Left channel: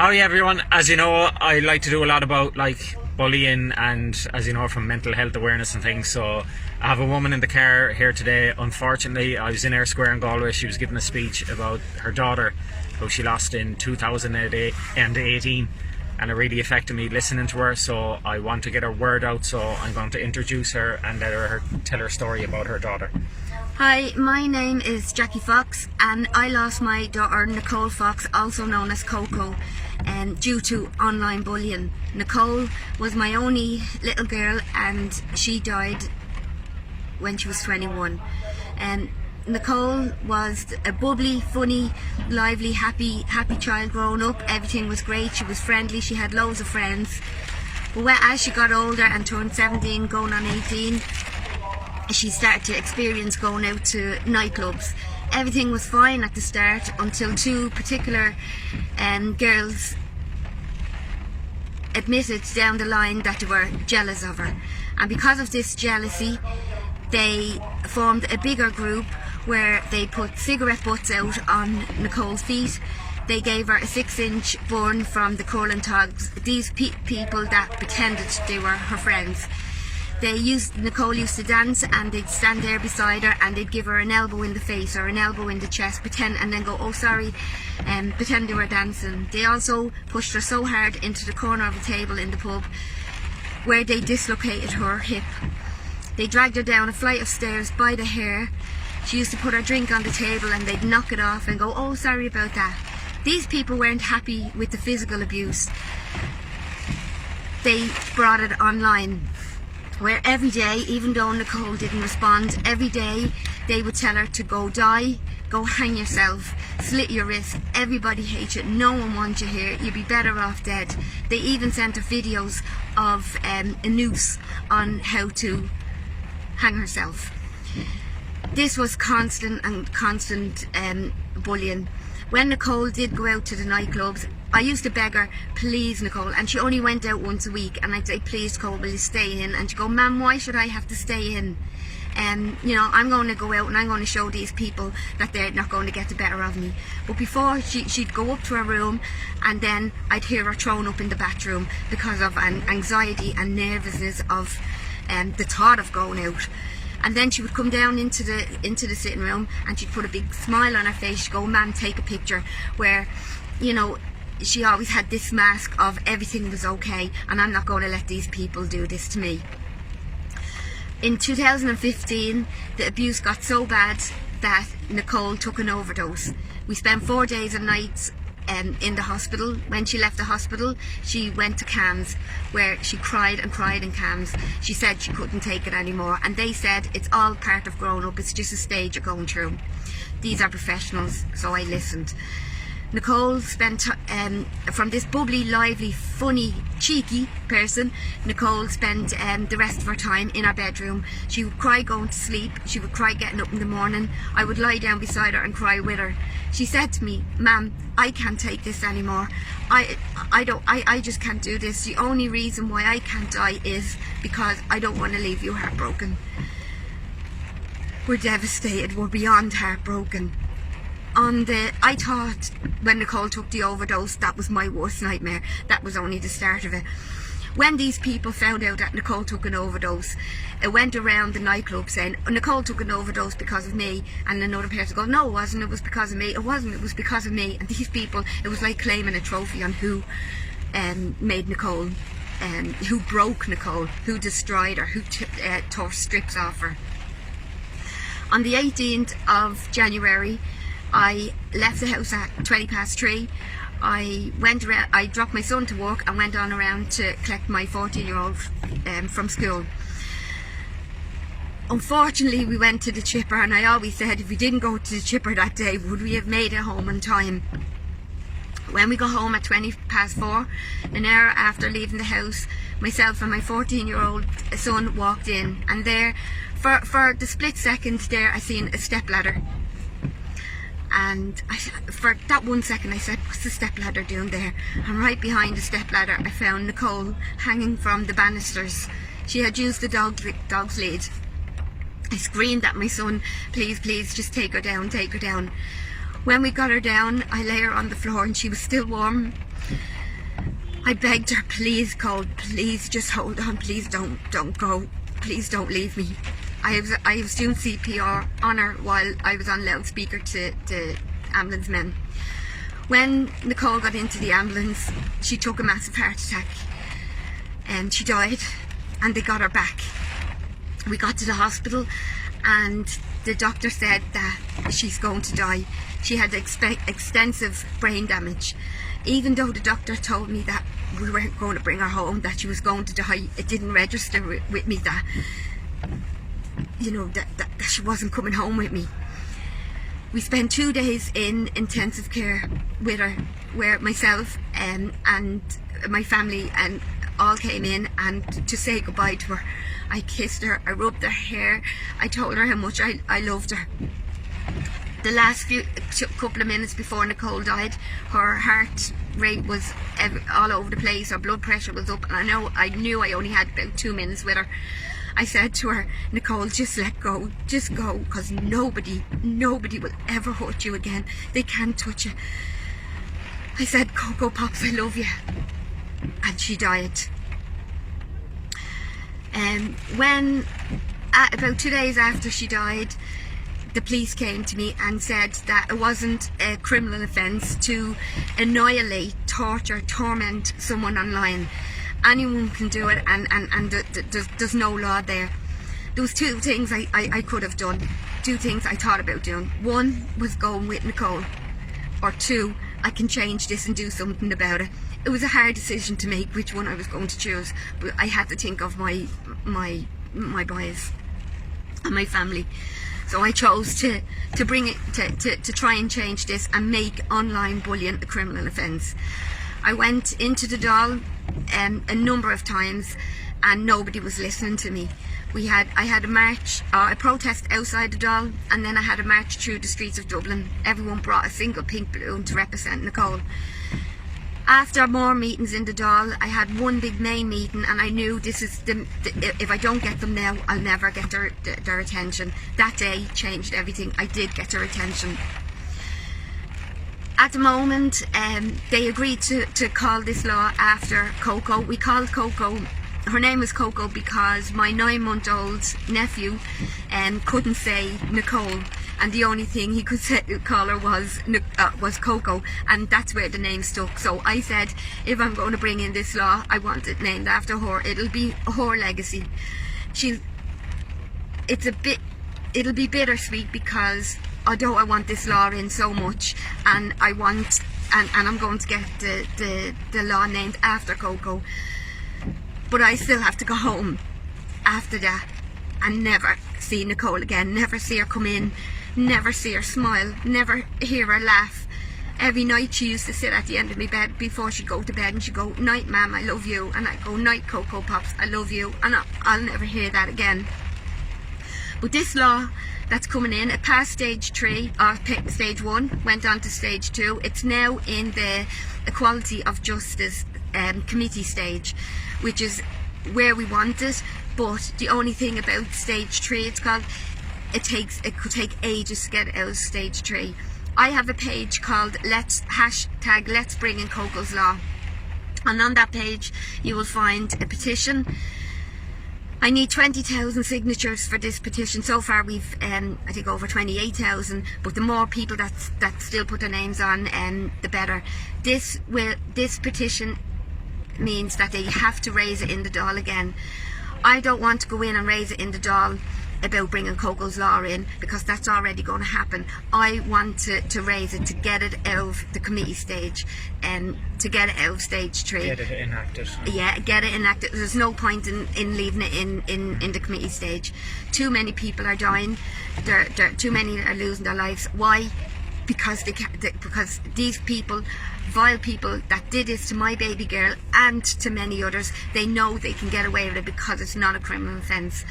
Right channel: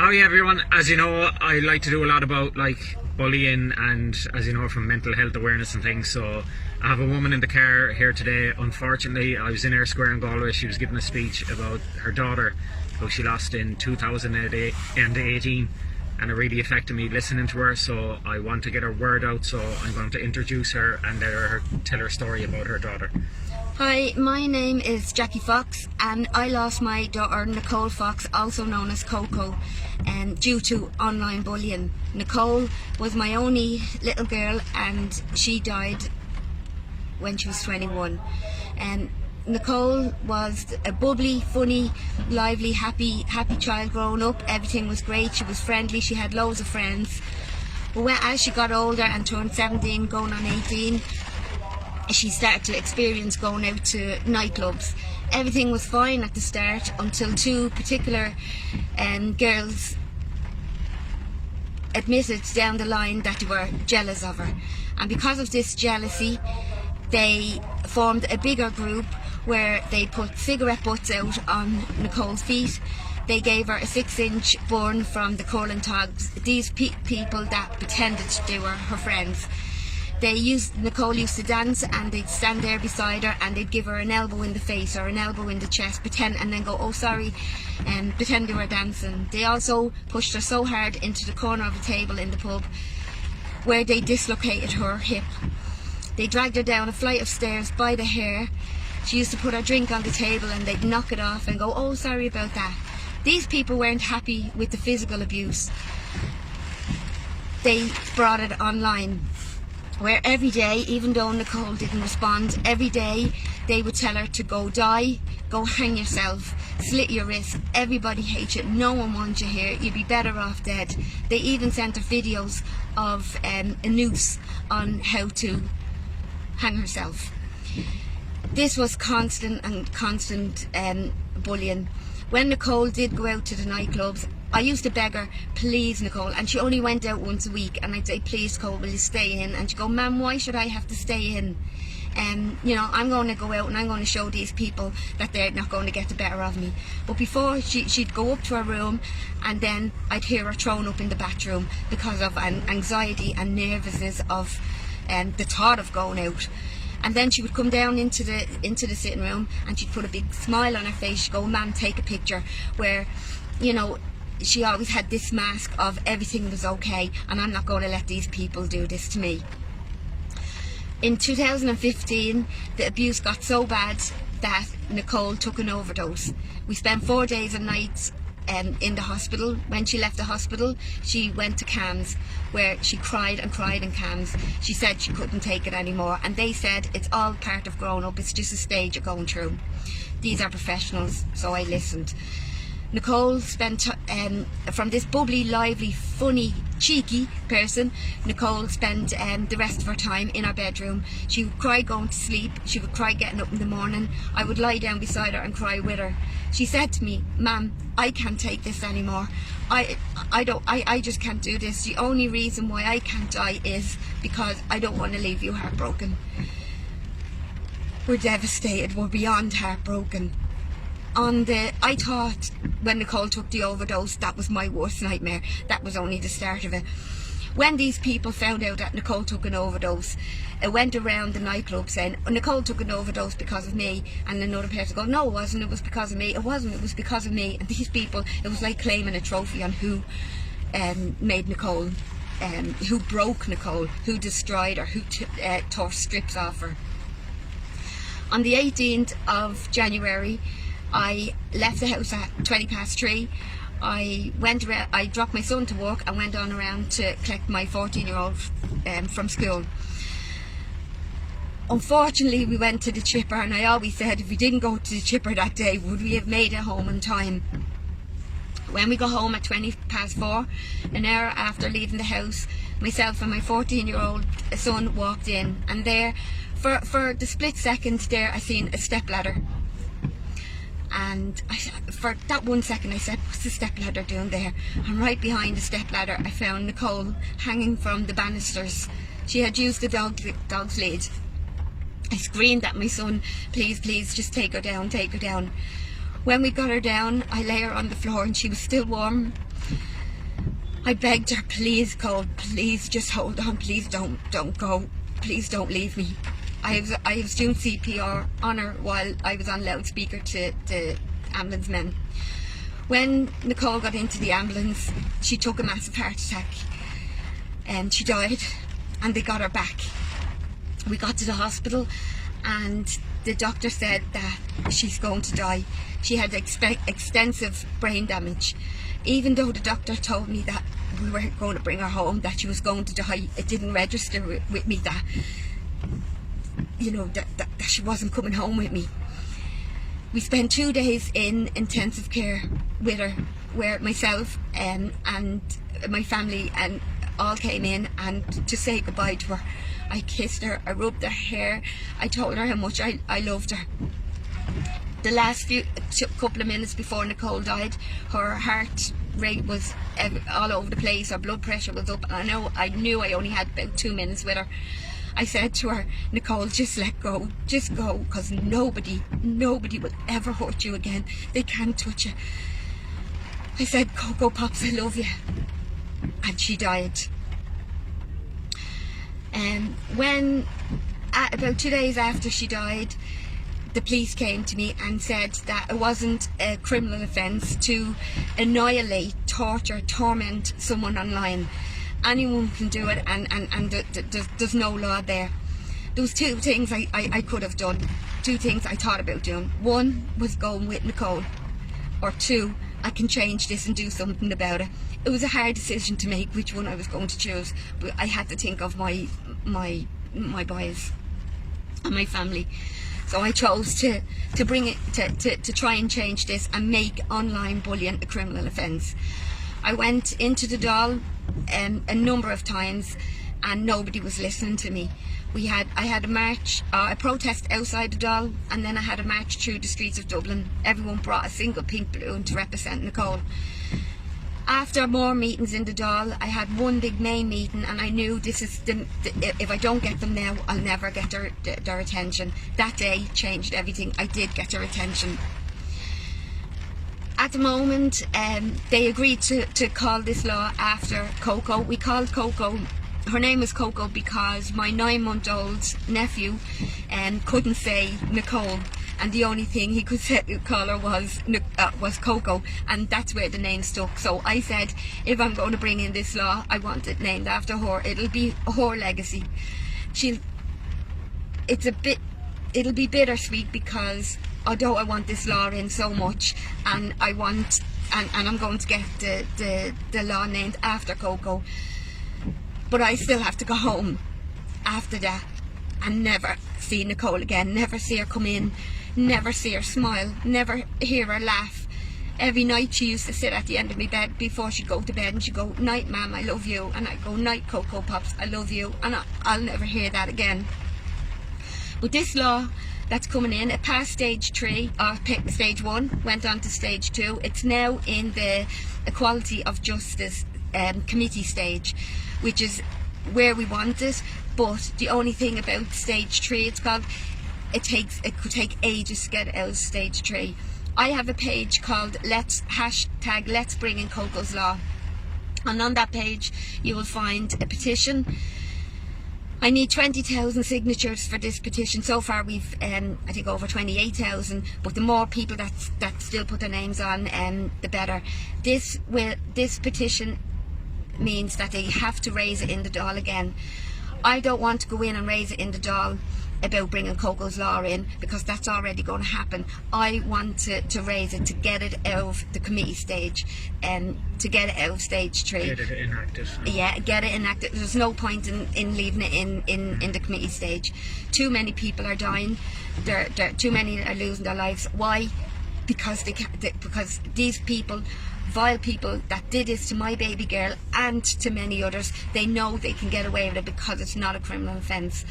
Oh yeah, everyone. As you know, I like to do a lot about bullying and, as you know, from mental health awareness and things. So I have a woman in the car here today. Unfortunately, I was in Ayr Square in Galway. She was giving a speech about her daughter, who she lost in 2018, and it really affected me listening to her. So I want to get her word out. So I'm going to introduce her and let her tell her story about her daughter. Hi, my name is Jackie Fox, and I lost my daughter Nicole Fox, also known as Coco, due to online bullying. Nicole was my only little girl, and she died when she was 21. Nicole was a bubbly, funny, lively, happy child growing up. Everything was great. She was friendly. She had loads of friends. But as she got older and turned 17, going on 18, she started to experience going out to nightclubs. Everything was fine at the start until two particular girls admitted down the line that they were jealous of her. And because of this jealousy, they formed a bigger group where they put cigarette butts out on Nicole's feet. They gave her a 6-inch burn from the curling togs. These people that pretended they were her friends. Nicole used to dance, and they'd stand there beside her and they'd give her an elbow in the face or an elbow in the chest, and then go, oh sorry, and pretend they were dancing. They also pushed her so hard into the corner of the table in the pub where they dislocated her hip. They dragged her down a flight of stairs by the hair. She used to put her drink on the table and they'd knock it off and go, oh sorry about that. These people weren't happy with the physical abuse. They brought it online, where every day, even though Nicole didn't respond, every day they would tell her to go die, go hang yourself, slit your wrist, everybody hates you, no one wants you here, you'd be better off dead. They even sent her videos of a noose on how to hang herself. This was constant bullying. When Nicole did go out to the nightclubs, I used to beg her, please Nicole, and she only went out once a week, and I'd say, please Nicole, will you stay in? And she'd go, ma'am, why should I have to stay in? You know, I'm going to go out and I'm going to show these people that they're not going to get the better of me. But before, she'd go up to her room, and then I'd hear her thrown up in the bathroom because of anxiety and nervousness of the thought of going out. And then she would come down into the sitting room and she'd put a big smile on her face. She'd go, ma'am, take a picture, where, you know, she always had this mask of everything was okay and I'm not going to let these people do this to me. In 2015, the abuse got so bad that Nicole took an overdose. We spent 4 days and nights in the hospital. When she left the hospital, she went to CAMHS, where she cried and cried in CAMHS. She said she couldn't take it anymore, and they said it's all part of growing up, it's just a stage you're going through. These are professionals, so I listened. Nicole spent, from this bubbly, lively, funny, cheeky person, Nicole spent the rest of her time in her bedroom. She would cry going to sleep, she would cry getting up in the morning. I would lie down beside her and cry with her. She said to me, ma'am, I can't take this anymore. I just can't do this. The only reason why I can't die is because I don't want to leave you heartbroken. We're devastated, we're beyond heartbroken. I thought when Nicole took the overdose, that was my worst nightmare. That was only the start of it. When these people found out that Nicole took an overdose, it went around the nightclub saying, Nicole took an overdose because of me, and another person goes, no it wasn't, it was because of me. It wasn't, it was because of me. And these people, it was like claiming a trophy on who made Nicole, who broke Nicole, who destroyed her, who tore strips off her. On the 18th of January, I left the house at 3:20. I dropped my son to work and went on around to collect my 14-year-old from school. Unfortunately, we went to the chipper, and I always said, if we didn't go to the chipper that day, would we have made it home on time? When we got home at 4:20, an hour after leaving the house, myself and my 14-year-old son walked in, and there, for the split second there, I seen a stepladder. And for that 1 second I said, what's the stepladder doing there? And right behind the stepladder I found Nicole hanging from the banisters. She had used the dog's lead. I screamed at my son, please, please, just take her down, take her down. When we got her down, I lay her on the floor and she was still warm. I begged her, please Cole, please just hold on, please don't go, please don't leave me. I was doing CPR on her while I was on loudspeaker to the ambulance men. When Nicole got into the ambulance, she took a massive heart attack and she died, and they got her back. We got to the hospital and the doctor said that she's going to die. She had extensive brain damage. Even though the doctor told me that we weren't going to bring her home, that she was going to die, it didn't register with me that, you know, that she wasn't coming home with me. We spent 2 days in intensive care with her, where myself and my family and all came in and to say goodbye to her. I kissed her, I rubbed her hair, I told her how much I loved her. The last couple of minutes before Nicole died, her heart rate was all over the place, her blood pressure was up, and I knew I only had about 2 minutes with her. I said to her, Nicole, just let go, just go, because nobody will ever hurt you again. They can't touch you. I said, Coco Pops, I love you. And she died. When, about 2 days after she died, the police came to me and said that it wasn't a criminal offence to annihilate, torture, torment someone online. Anyone can do it, and there's no law there. There was 2 things I could have done, 2 things I thought about doing. 1 was going with Nicole, or 2, I can change this and do something about it. It was a hard decision to make which one I was going to choose, but I had to think of my boys and my family. So I chose to bring it to try and change this and make online bullying a criminal offence. I went into the Dáil a number of times and nobody was listening to me. I had a march, a protest outside the Dáil, and then I had a march through the streets of Dublin. Everyone brought a single pink balloon to represent Nicole. After more meetings in the Dáil, I had one big main meeting, and I knew this is if I don't get them now, I'll never get their attention. That day changed everything. I did get their attention. At the moment, they agreed to call this law after Coco. We called Coco. Her name is Coco because my 9-month-old nephew couldn't say Nicole, and the only thing he could call her was Coco, and that's where the name stuck. So I said, if I'm going to bring in this law, I want it named after her. It'll be her legacy. It'll be bittersweet because although I want this law in so much, and I'm going to get the law named after Coco, but I still have to go home after that and never see Nicole again, never see her come in, never see her smile, never hear her laugh. Every night she used to sit at the end of my bed before she'd go to bed and she'd go, "Night, Ma'am, I love you," and I'd go, "Night, Coco Pops, I love you," and I'll never hear that again. But this law that's coming in, it passed stage 3, or stage 1, went on to stage 2. It's now in the Equality of Justice committee stage, which is where we want it. But the only thing about stage 3, it's called, it could take ages to get out of stage 3. I have a page called Let's Bring in Coco's Law, and on that page you will find a petition. I need 20,000 signatures for this petition. So far we've I think over 28,000, but the more people that still put their names on, the better. This petition means that they have to raise it in the Dáil again. I don't want to go in and raise it in the Dáil about bringing Coco's Law in, because that's already going to happen. I want to raise it, to get it out of the committee stage, and to get it out of stage 3. Get it enacted. Yeah, get it enacted. There's no point in leaving it in the committee stage. Too many people are dying. Too many are losing their lives. Why? Because because these people, vile people that did this to my baby girl and to many others, they know they can get away with it because it's not a criminal offence.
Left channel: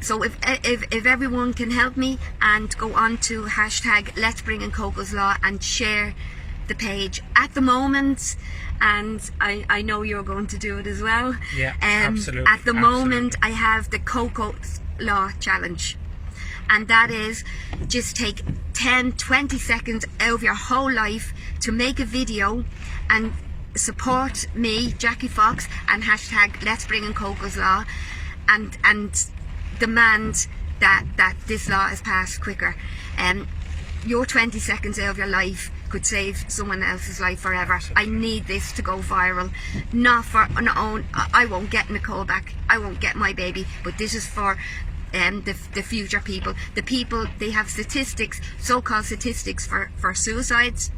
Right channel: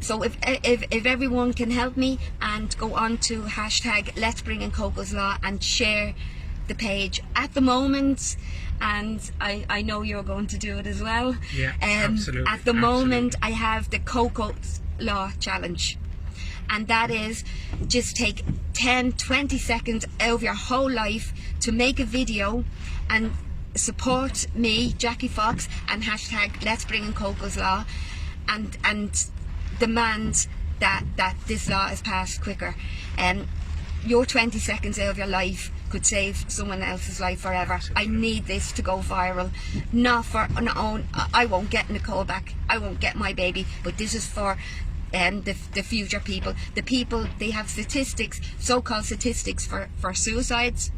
So if everyone can help me and go on to hashtag Let's Bring in Coco's Law and share the page at the moment, and I know you're going to do it as well. Yeah, absolutely. At the moment I have the Coco's Law challenge, and that is just take 10-20 seconds out of your whole life to make a video and support me, Jackie Fox, and hashtag Let's Bring in Coco's Law, and demand that this law is passed quicker. Your 20 seconds out of your life could save someone else's life forever. I need this to go viral, not for my own. I won't get Nicole back, I won't get my baby, but this is for the future people. The people, they have statistics, so-called statistics for suicides,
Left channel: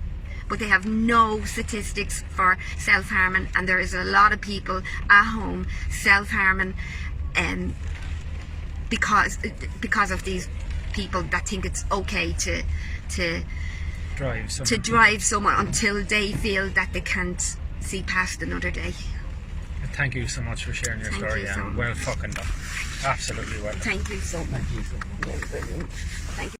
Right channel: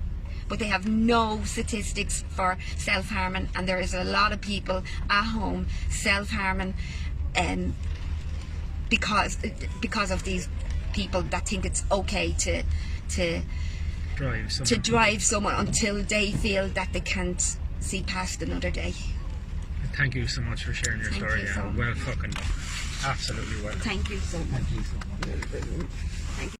but they have no statistics for self-harming, and there is a lot of people at home self-harming because of these people that think it's okay to drive someone until they feel that they can't see past another day. Thank you so much for sharing your story. You so Well fucking done. Absolutely well done. Thank you so much. Thank you so much. Thank you.